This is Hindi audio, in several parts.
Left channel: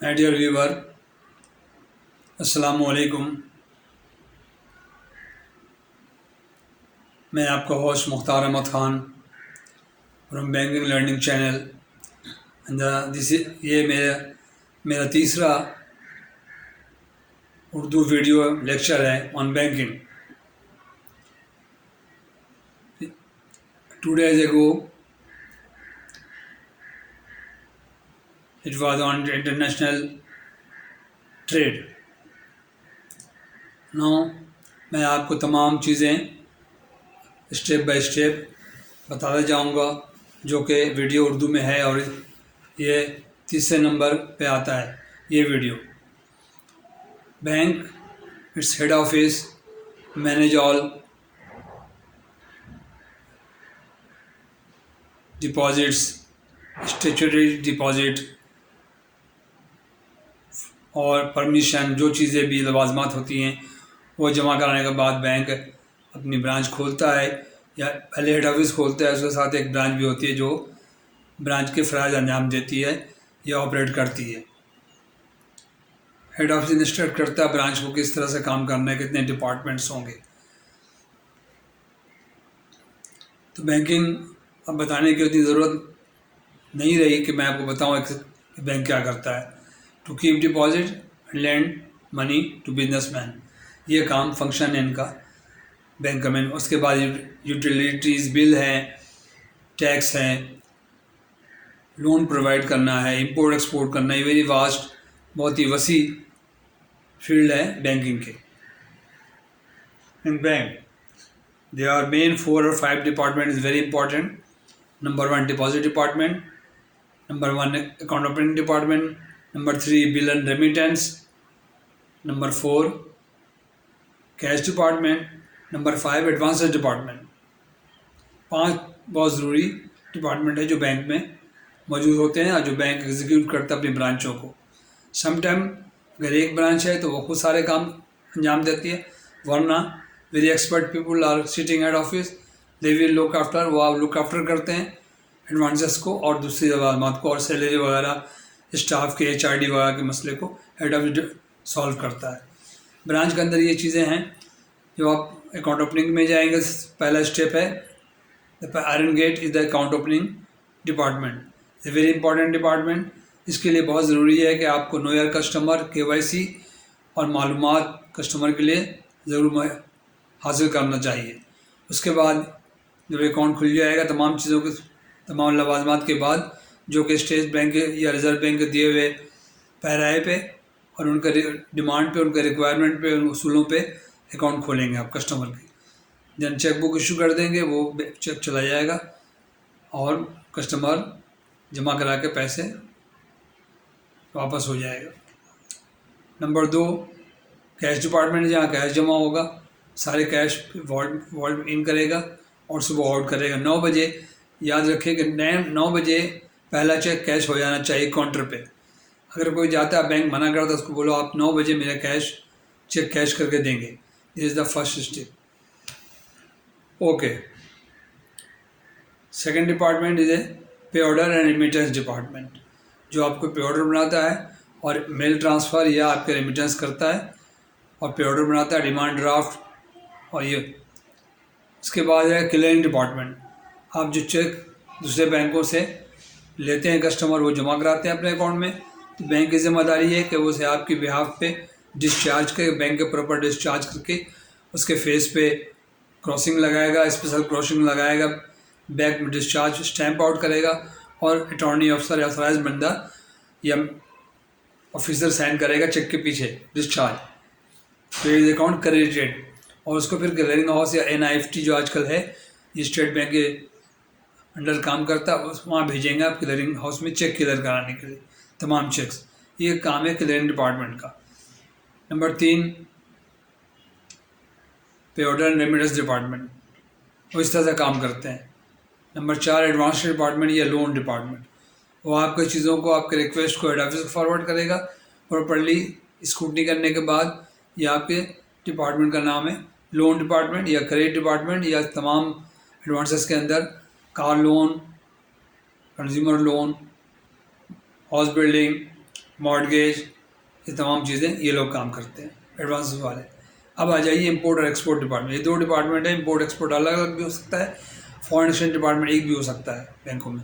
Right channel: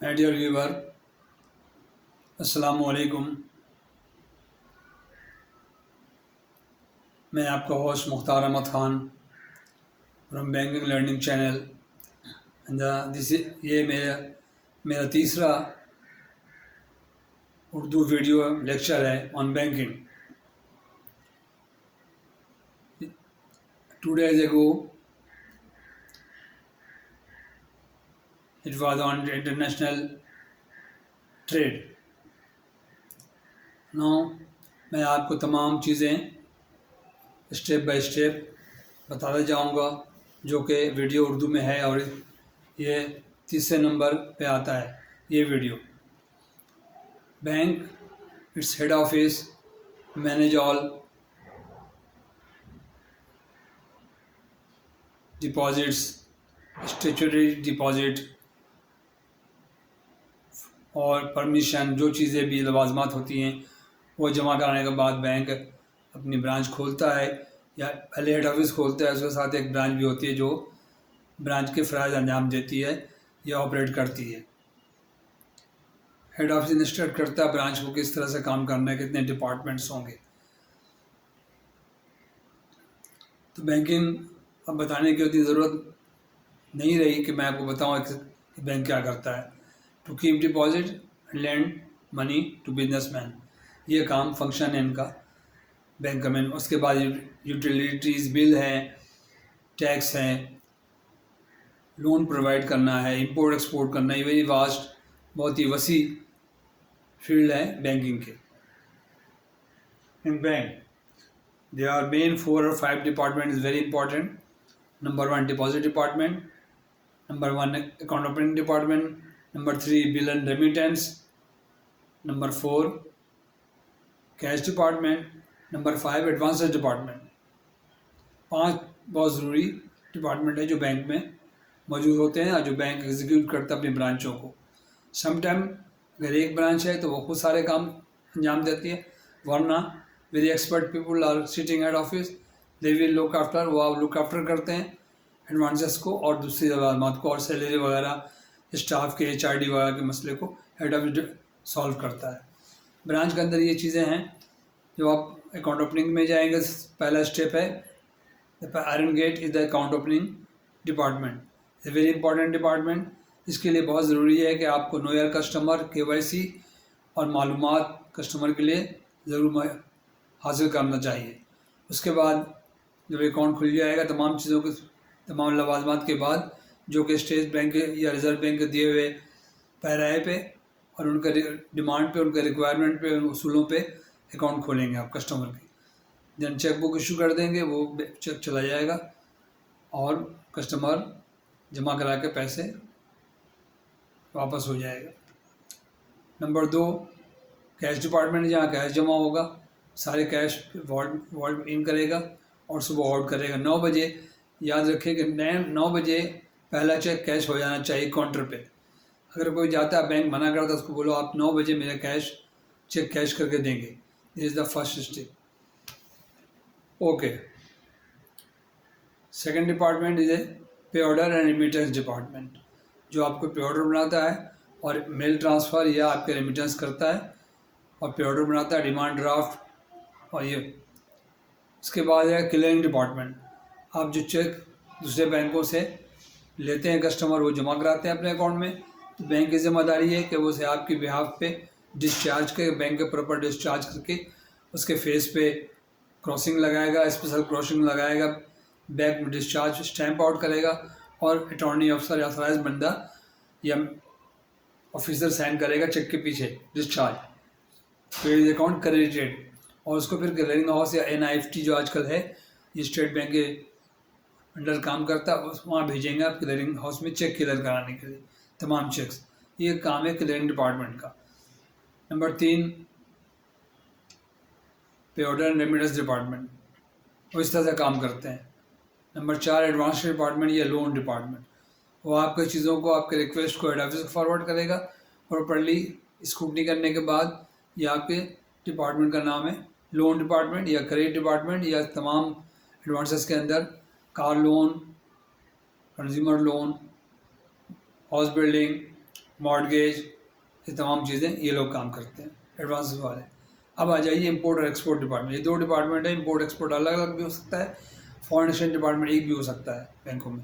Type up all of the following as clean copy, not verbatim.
माय डियर व्यूवर, अस्सलाम वालेकुम। मैं आपका host Mukhtar Ahmed Khan from banking learning channel. This ये मेरा तीसरा उर्दू वीडियो लेक्चर है on banking. 2 days ago it was on international trade। Now मैं आपको तमाम चीज़ें स्टेप बाय स्टेप बताता जाऊंगा जो कि वीडियो उर्दू में है, और ये तीसरे नंबर पे आता है ये video. Bank, its head office, manage all deposits, statutory deposit और परमिशन, जो चीज़ें भी लवाजमात होती हैं वो जमा कराने के बाद बैंक अपनी ब्रांच खोलता है, या पहले हेड ऑफिस खोलता है, उसके साथ एक ब्रांच भी होती है जो ब्रांच के फ़राइज़ अंजाम देती है या ऑपरेट करती है। हेड ऑफिस इंस्ट्रक्ट करता है ब्रांच को किस तरह से काम करना है, कितने डिपार्टमेंट्स होंगे। तो बैंकिंग अब बताने की उतनी ज़रूरत नहीं रही कि मैं आपको बताऊँ कि बैंक क्या करता है। To keep deposit and lend money to businessman, ये काम फंक्शन है इनका बैंक में। उसके बाद यूटिलिटीज़ बिल हैं, टैक्स हैं, लोन प्रोवाइड करना है, इंपोर्ट एक्सपोर्ट करना है। वेरी वास्ट, बहुत ही वसी फील्ड है बैंकिंग के। इन bank there are main 4 or 5 departments is very important. Number 1, deposit department. Number 1, account opening department. Number 3, bill and remittance. Number 4, cash department. Number 5, advances department. 5 बहुत ज़रूरी डिपार्टमेंट है जो बैंक में मौजूद होते हैं और जो बैंक एग्जीक्यूट करता है अपनी ब्रांचों को। समटाइम अगर एक ब्रांच है तो वो खुद सारे काम अंजाम देती है, वरना very expert people are sitting head office, they will look after, वो आप लुक आफ्टर करते हैं एडवांसेस को और दूसरी बात को, और सैलरी वगैरह, स्टाफ के HRD वगैरह के मसले को हेड ऑफिस सॉल्व करता है। ब्रांच के अंदर ये चीज़ें हैं। जो आप अकाउंट ओपनिंग में जाएंगे, पहला स्टेप है iron gate is the account opening department, a very important department. इसके लिए बहुत ज़रूरी है कि आपको नो योर कस्टमर, KYC और मालूमात कस्टमर के लिए ज़रूर हासिल करना चाहिए। उसके बाद जब अकाउंट खुल जाएगा, तमाम चीज़ों के तमाम लवाजमात के बाद, जो कि स्टेट बैंक या रिज़र्व बैंक के दिए हुए पैराए पे और उनका डिमांड पे, उनके रिक्वायरमेंट पे, उन उसूलों पे अकाउंट खोलेंगे आप कस्टमर के। देन चेक बुक इशू कर देंगे, वो चेक चला जाएगा और कस्टमर जमा करा के पैसे वापस हो जाएगा। नंबर 2, कैश डिपार्टमेंट, जहाँ कैश जमा होगा, सारे कैश वॉल्ट इन करेगा और सुबह आउट करेगा 9 बजे। याद रखें कि 9 बजे पहला चेक कैश हो जाना चाहिए काउंटर पे। अगर कोई जाता है बैंक मना करता है, उसको बोलो आप 9 बजे मेरा चेक कैश करके देंगे। This is the first step. Okay, second department is a पे ऑर्डर एंड रेमिटेंस डिपार्टमेंट, जो आपको पे ऑर्डर बनाता है और मेल ट्रांसफ़र या आपके रेमिटेंस करता है, और पे ऑर्डर बनाता है, डिमांड ड्राफ्ट, और ये। इसके बाद है क्लियरिंग डिपार्टमेंट। आप जो चेक दूसरे बैंकों से लेते हैं कस्टमर, वो जमा कराते हैं अपने अकाउंट में, तो बैंक की जिम्मेदारी है कि वो उसे आपके बिहाफ पे डिस्चार्ज करके, बैंक के प्रॉपर डिस्चार्ज करके उसके फेस पे क्रॉसिंग लगाएगा, स्पेशल क्रॉसिंग लगाएगा, बैंक में डिस्चार्ज स्टैंप आउट करेगा, और अटॉर्नी ऑफिसर या ऑथराइज्ड बंदा या ऑफिसर साइन करेगा चेक के पीछे डिस्चार्ज, तो इज अकाउंट क्रेडिटेड। और उसको फिर क्लियरिंग हाउस या NIFT जो आजकल है, ये स्टेट बैंक के अंडर काम करता है, वहाँ भेजेंगे आप क्लियरिंग हाउस में चेक क्लियर कराने के लिए तमाम चेक्स। ये काम है क्लियरिंग डिपार्टमेंट का। नंबर 3, पे ऑर्डर एंड रेमिटेंस डिपार्टमेंट, वो इस तरह से काम करते हैं। नंबर 4, एडवांस डिपार्टमेंट या लोन डिपार्टमेंट, वो आपकी चीज़ों को, आपके रिक्वेस्ट को हेड ऑफिस को फॉरवर्ड करेगा प्रॉपरली स्क्रूटनी करने के बाद। ये आपके डिपार्टमेंट का नाम है लोन डिपार्टमेंट या क्रेडिट डिपार्टमेंट, या तमाम एडवांसेस के अंदर car loan, consumer loan, house building, mortgage, ये तमाम चीज़ें ये लोग काम करते हैं एडवांस वाले। अब आ जाइए इंपोर्ट और एक्सपोर्ट डिपार्टमेंट। ये दो डिपार्टमेंट है। इंपोर्ट एक्सपोर्ट अलग अलग भी हो सकता है, फॉरेन एक्सचेंज डिपार्टमेंट एक भी हो सकता है बैंकों में।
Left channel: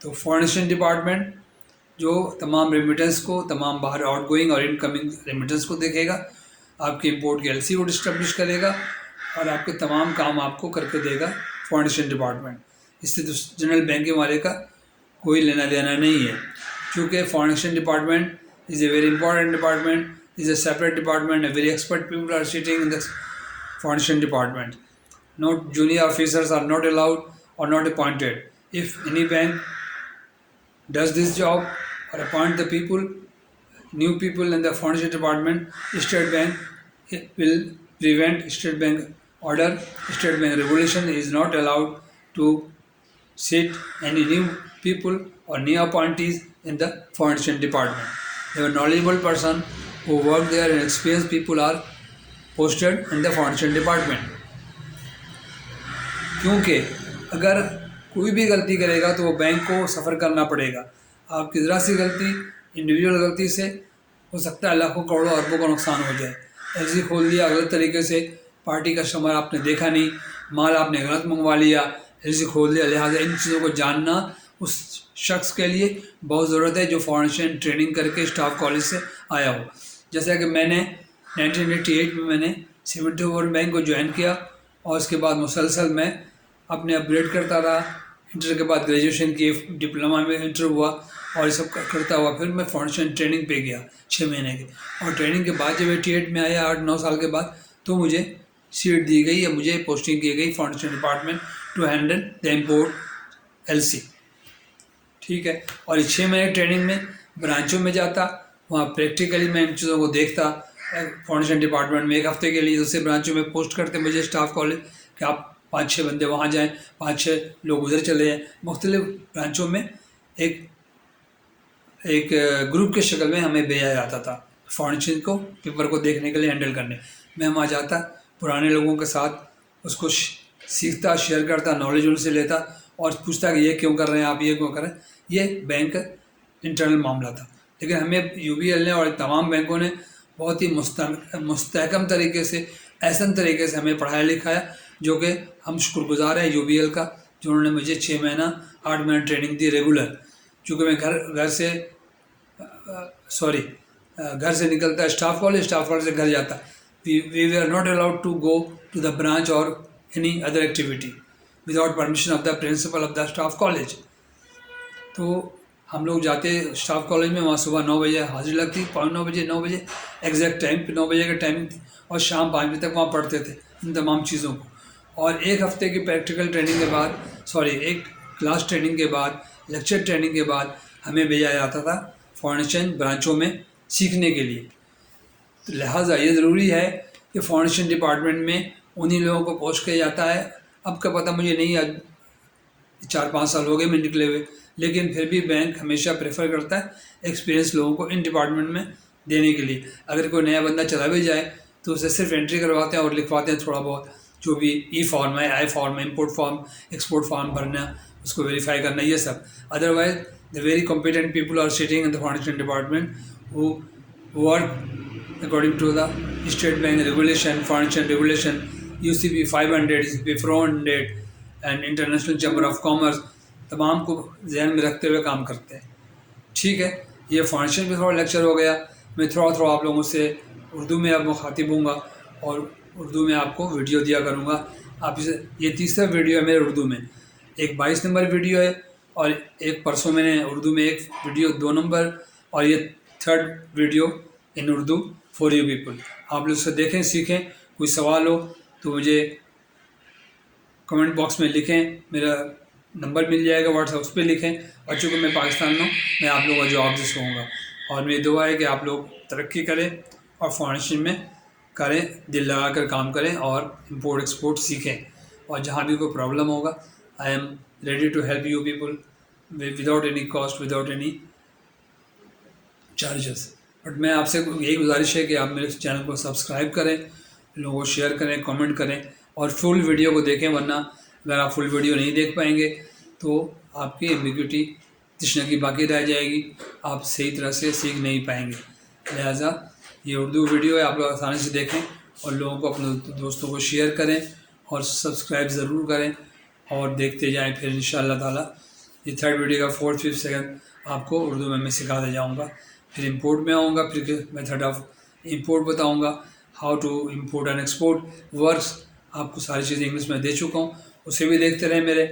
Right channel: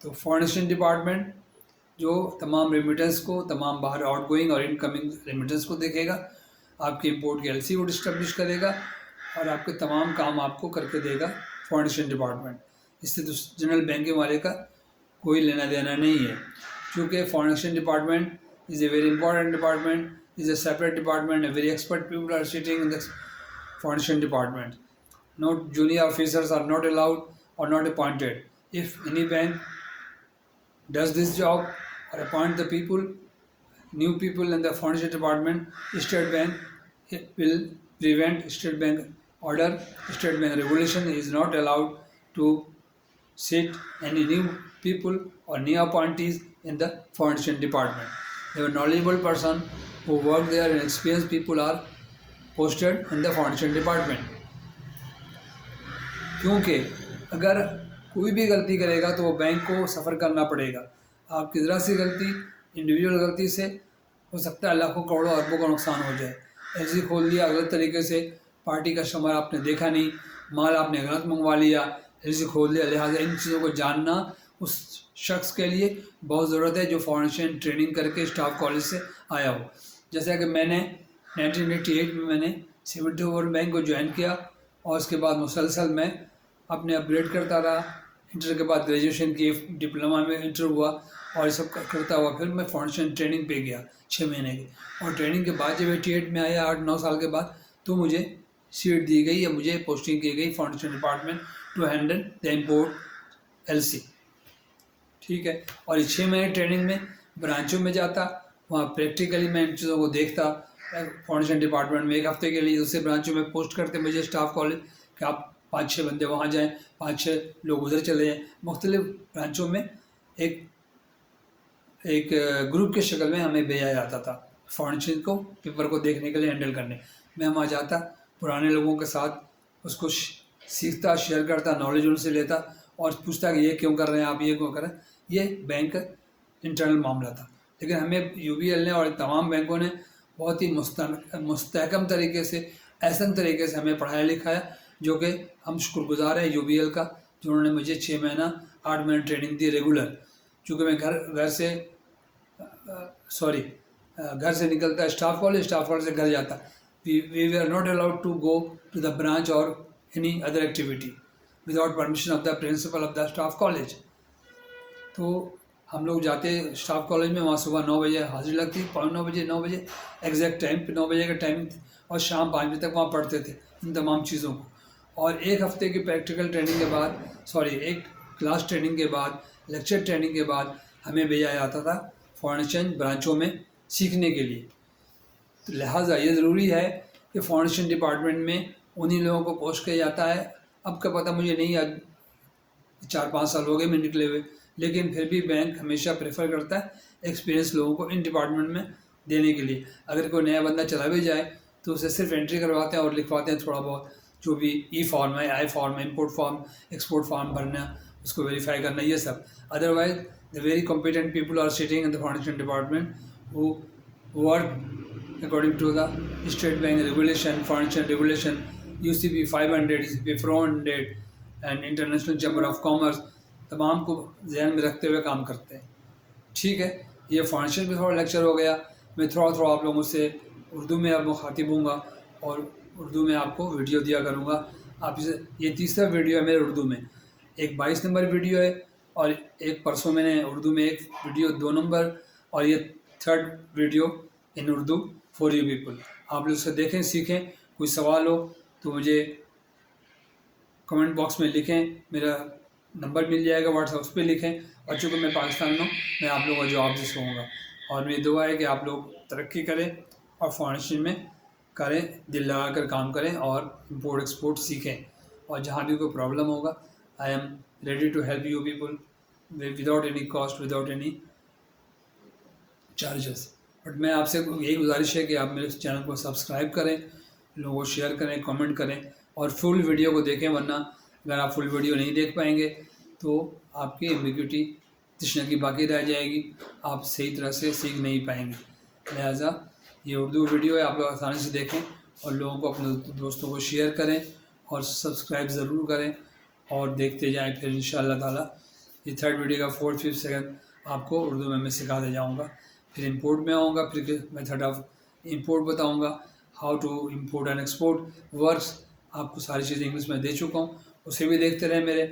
तो फॉरेन एक्सचेंज डिपार्टमेंट जो तमाम रेमिटेंस को, तमाम बाहर आउटगोइंग और इनकमिंग रेमिटेंस को देखेगा, आपके इंपोर्ट की एलसी को डिस्टर्बिश करेगा और आपके तमाम काम आपको करके देगा फॉरेन एक्सचेंज डिपार्टमेंट। इससे तो जनरल बैंकिंग वाले का कोई लेना देना नहीं है, क्योंकि foreign exchange department is a very important department, is a separate department, a very expert people are sitting in the foreign exchange department. No junior officers are not allowed or not appointed. If any bank does this job or appoint the people, new people in the foreign exchange department, State Bank, it will prevent State Bank order, State Bank regulation is not allowed to sit any new people or new appointees in the foreign exchange department. The knowledgeable person who work there and experienced people are posted in the foreign exchange department. क्योंकि अगर कोई भी गलती करेगा तो वो बैंक को सफ़र करना पड़ेगा। आपकी ज़रा सी गलती, इंडिविजुअल गलती से हो सकता है लाखों करोड़ों अरबों का नुकसान हो जाए। एलसी खोल दिया गलत तरीके से, पार्टी कस्टमर आपने देखा नहीं, माल आपने गलत मंगवा लिया, एलसी खोल दिया। लिहाजा इन चीज़ों को जानना उस शख्स के लिए बहुत ज़रूरत है जो फॉरेन एक्सचेंज ट्रेनिंग करके स्टाफ कॉलेज से आया हो। जैसा कि मैंने 1988 में मैंने 74 बैंक को ज्वाइन किया और उसके बाद मुसलसल मैं अपने अपग्रेड करता रहा। इंटर के बाद ग्रेजुएशन किए, डिप्लोमा में इंटर हुआ और ये सब करता हुआ फिर मैं फॉरेन एक्सचेंज ट्रेनिंग पे गया 6 महीने की। और ट्रेनिंग के बाद जब 88 में आया 8-9 साल के बाद, तो मुझे सीट दी गई या मुझे पोस्टिंग की गई foreign exchange department to handle the import LC. ठीक है। और 6 महीने ट्रेनिंग में ब्रांचों में जाता, वहाँ प्रैक्टिकली मैं इन चीज़ों को देखता। फॉरेन एक्सचेंज डिपार्टमेंट में 1 हफ्ते के लिए दूसरे ब्रांचों में पोस्ट करते मुझे स्टाफ कॉलेज कि आप 5-6 बंदे वहाँ जाएँ, 5-6 लोग उधर चले जाएँ। मुख्तलिफ ब्रांचों में एक ग्रुप के शक्ल में हमें भेजा जाता था फॉरेन एक्सचेंज को पेपर को देखने के लिए, हैंडल करने। मैं वहाँ जाता, पुराने लोगों के साथ उसको सीखता, शेयर करता, नॉलेज उनसे लेता और पूछता कि ये क्यों कर रहे हैं आप, ये क्यों कर रहे हैं। ये बैंक इंटरनल मामला था। लेकिन हमें यूबीएल ने और तमाम बैंकों ने बहुत ही मुस्तहकम तरीके से, ऐसा तरीके से हमें पढ़ाया लिखाया, जो कि हम शुक्रगुजार हैं यूबीएल का, जिन्होंने मुझे 6 महीना 8 महीना ट्रेनिंग दी रेगुलर। चूँकि मैं घर से निकलता स्टाफ कॉलेज से घर जाता। We are not allowed to go to the branch or any other activity without permission of the principal of the staff college. तो हम लोग जाते स्टाफ कॉलेज में, वहाँ सुबह 9 बजे हाजिरी लगती, 9 बजे एग्जैक्ट टाइम पे 9 बजे का टाइमिंग थी, और शाम 5 बजे तक वहाँ पढ़ते थे इन तमाम चीज़ों को। और 1 हफ्ते की प्रैक्टिकल ट्रेनिंग के बाद, एक क्लास ट्रेनिंग के बाद, लेक्चर ट्रेनिंग के बाद हमें भेजा जाता था फॉरेन एक्सचेंज ब्रांचों में सीखने के लिए। तो लिहाजा ये ज़रूरी है कि फॉरेन एक्सचेंज डिपार्टमेंट में उन्हीं लोगों को पोस्ट किया जाता है। अब का पता मुझे नहीं, आज 4-5 साल हो गए मैं निकले हुए, लेकिन फिर भी बैंक हमेशा प्रेफर करता है एक्सपीरियंस लोगों को इन डिपार्टमेंट में देने के लिए। अगर कोई नया बंदा चला भी जाए तो उसे सिर्फ एंट्री करवाते हैं और लिखवाते हैं थोड़ा बहुत, जो भी ई फॉर्म है, आई फॉर्म है, इम्पोर्ट फॉर्म, एक्सपोर्ट फॉर्म भरना, उसको वेरीफाई करना, ये सब। Otherwise the very competent people are sitting in the foreign exchange department who work according to the State Bank regulation, foreign exchange regulation, UCP 500, UCP 400 and international chamber of commerce, तमाम को ध्यान में रखते हुए काम करते हैं। ठीक है। ये फॉरेन एक्सचेंज में थोड़ा लेक्चर हो गया। मैं थोड़ा आप लोगों से उर्दू में अब मुखातिब हूँगा और उर्दू में आपको वीडियो दिया करूँगा। आप इसे, ये तीसरा वीडियो है मेरे उर्दू में। एक 22 नंबर वीडियो है और एक परसों मैंने उर्दू में एक वीडियो 2 नंबर, और ये 3rd video in Urdu for you people. आप लोग इसे देखें, सीखें। कोई सवाल हो तो मुझे कमेंट बॉक्स में लिखें, मेरा नंबर मिल जाएगा व्हाट्सएप, उस पर लिखें। और चूँकि मैं पाकिस्तान में हूँ, मैं आप लोगों का जवाब दे सकूँगा। और मेरी दुआ है कि आप लोग तरक्की करें और फॉरेन एक्सचेंज में करें, दिल लगा कर काम करें और इम्पोर्ट एक्सपोर्ट सीखें। और जहाँ भी कोई प्रॉब्लम होगा, I am ready to help you people without any cost, without any charges. But मैं आपसे यही गुजारिश है कि आप मेरे चैनल को सब्सक्राइब करें, लोगों को शेयर करें, कमेंट करें और फुल वीडियो को देखें। वरना अगर आप फुल वीडियो नहीं देख पाएंगे तो आपकी एम्बिग्यूटी तशनगी बाकी रह जाएगी, आप सही तरह से सीख नहीं पाएंगे। लिहाजा ये उर्दू वीडियो है, आप लोग आसानी से देखें और लोगों को, अपने दोस्तों को शेयर करें और सब्सक्राइब ज़रूर करें और देखते जाएं। फिर इंशाअल्लाह ताला ये थर्ड वीडियो का 4th 5th सेकंड आपको उर्दू में मैं सिखाता जाऊँगा। फिर इंपोर्ट में आऊँगा, फिर मेथड ऑफ इंपोर्ट बताऊँगा, how to import and export works. आपको सारी चीज़ें इंग्लिश में दे चुका हूँ, उसे भी देखते रहें मेरे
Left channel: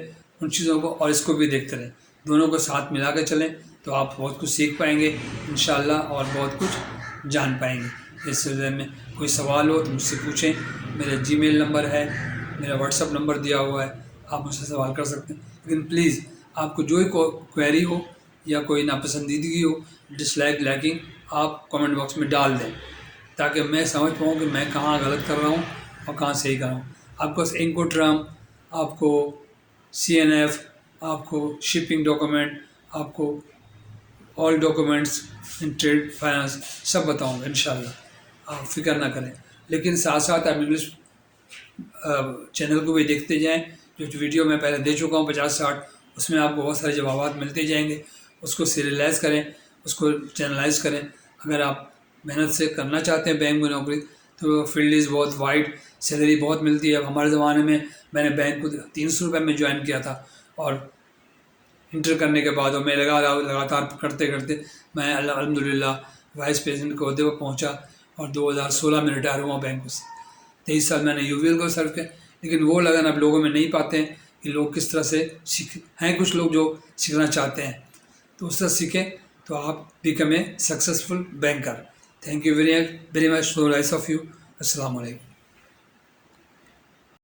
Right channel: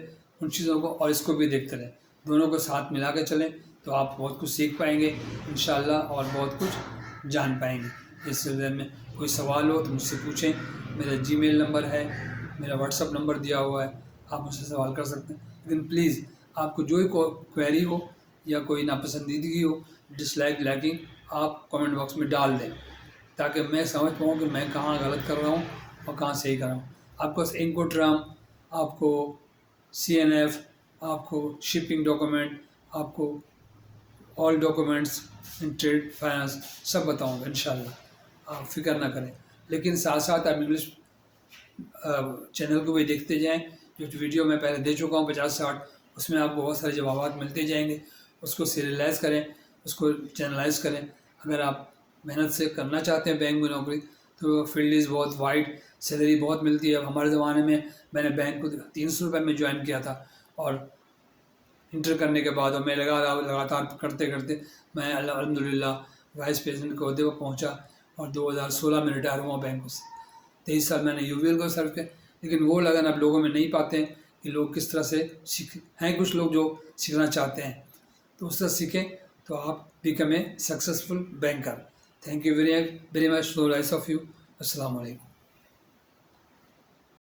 उन चीज़ों को, और इसको भी देखते रहें। दोनों को साथ मिला कर चलें तो आप बहुत कुछ सीख पाएंगे इंशाअल्लाह, और बहुत कुछ जान पाएंगे। इस सिलसिले में कोई सवाल हो तो मुझसे पूछें। मेरा जीमेल नंबर है, मेरा व्हाट्सअप नंबर दिया हुआ है, आप मुझसे सवाल कर सकते हैं। लेकिन प्लीज़ आपको जो ही क्वेरी हो या कोई नापसंदीदगी हो, डिसलाइक, लाइकिंग, आप कमेंट बॉक्स में डाल दें, ताकि मैं समझ पाऊँ कि मैं कहाँ गलत कर रहा हूँ और कहाँ सही कर रहा हूँ। आपको इंकोट्राम, आपको CNF, आपको शिपिंग डॉक्यूमेंट, आपको all documents in trade finance सब बताऊँगा इंशाअल्लाह, आप फिक्र ना करें। लेकिन साथ साथ आप इंग्लिश चैनल को भी देखते जाएं, जो वीडियो मैं पहले दे चुका हूँ 50-60, उसमें आपको बहुत सारे जवाब मिलते जाएंगे। उसको सीरियलाइज़ करें, उसको चैनलाइज करें। अगर आप मेहनत से करना चाहते हैं बैंक में नौकरी, तो फील्ड इज़ बहुत वाइड, सैलरी बहुत मिलती है। अब हमारे ज़माने में मैंने बैंक को 300 रुपये में ज्वाइन किया था, और इंटर करने के बाद और मैं लगातार करते करते मैं अल्हम्दुलिल्लाह वाइस प्रेसिडेंट के ओहदे पर पहुँचा, और 2016 में रिटायर हुआ बैंक से। 23 साल मैंने UVL को सर्व किया। लेकिन वो लगन आप लोगों में नहीं पाते हैं कि लोग किस तरह से सीख हैं। कुछ लोग जो सीखना चाहते हैं तो उससे सीखें, तो आप become a successful banker. Thank you very much, so nice of you. अस्सलाम वालेकुम।